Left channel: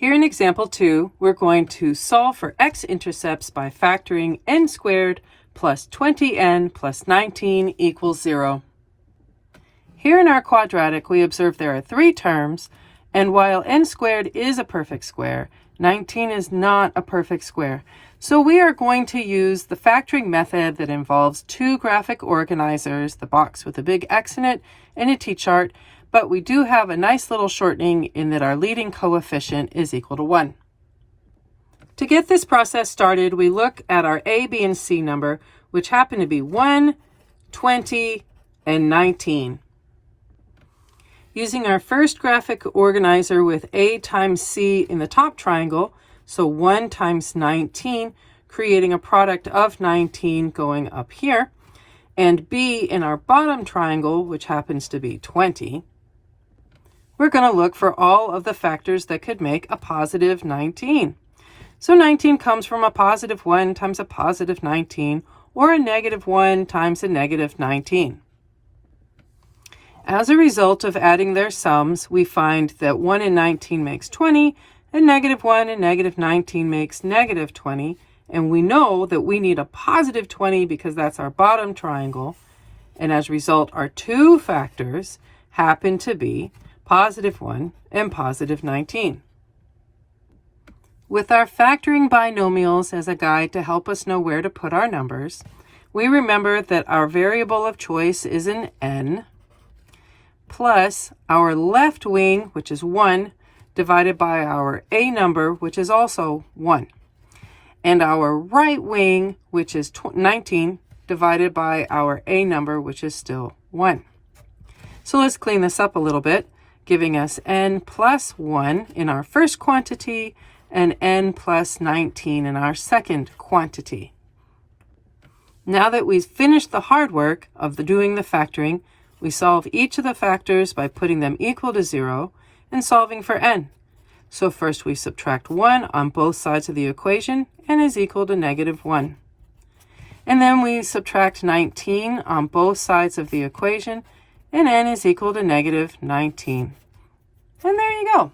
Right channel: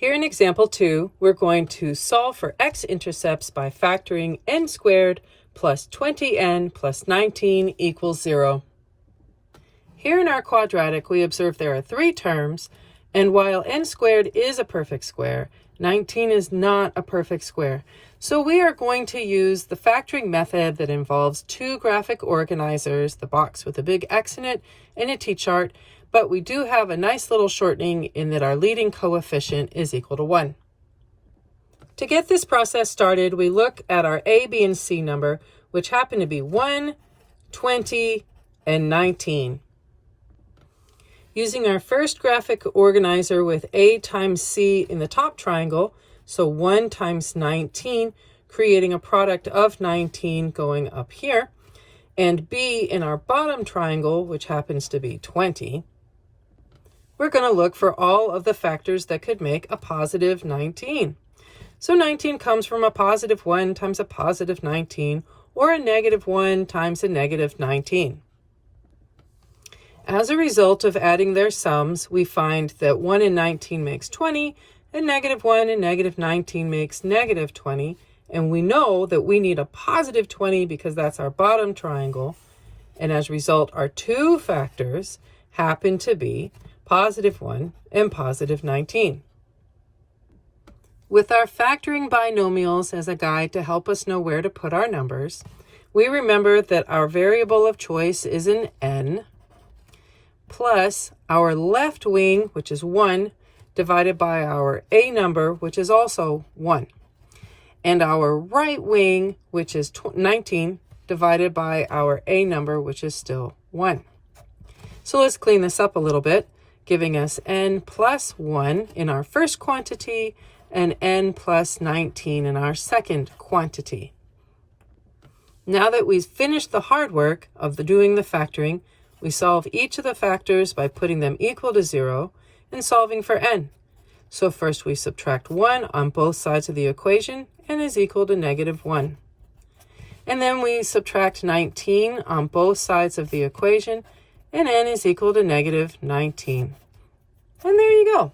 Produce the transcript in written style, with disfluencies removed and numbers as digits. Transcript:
Here in example 2, we're going to solve for x-intercepts by factoring n squared plus 20n plus 19 equals 0. Here in our quadratic, we observe there are 3 terms, and while n squared is a perfect square, 19 is not a perfect square. So we are going to use the factoring method that involves 2 graphic organizers, the box with a big X in it, and a t-chart, but we do have a nice little shortening in that our leading coefficient is equal to 1. To get this process started, we look at our A, B, and C number, which happen to be 1, 20, and 19. Using our first graphic organizer with A times C in the top triangle, so 1 times 19, creating a product of 19 going up here, and B in our bottom triangle, which happens to be 20, we're going to look for all of the factors that could make a positive 19. So 19 comes from a positive 1 times a positive 19, or a negative 1 times a negative 19. As a result of adding their sums, we find that 1 and 19 makes 20, and negative 1 and negative 19 makes negative 20, and we know that we need a positive 20 because that's our bottom triangle, and as a result, our 2 factors happen to be positive 1 and positive 19. With our factoring binomials as a guide to help us know where to put our numbers, we remember that our variable of choice is an n, plus our left wing, which is 1, divided by our a number, which is also 1, and our right wing, which is 19, divided by our a number, which is still 1. So let's clean this up a little bit, giving us n plus 1 in our first quantity and n plus 19 in our second quantity. Now that we've finished the hard work of doing the factoring, we solve each of the factors by putting them equal to 0 and solving for n. So first we subtract 1 on both sides of the equation, n is equal to negative 1. And then we subtract 19 on both sides of the equation, and n is equal to negative 19. And there you go.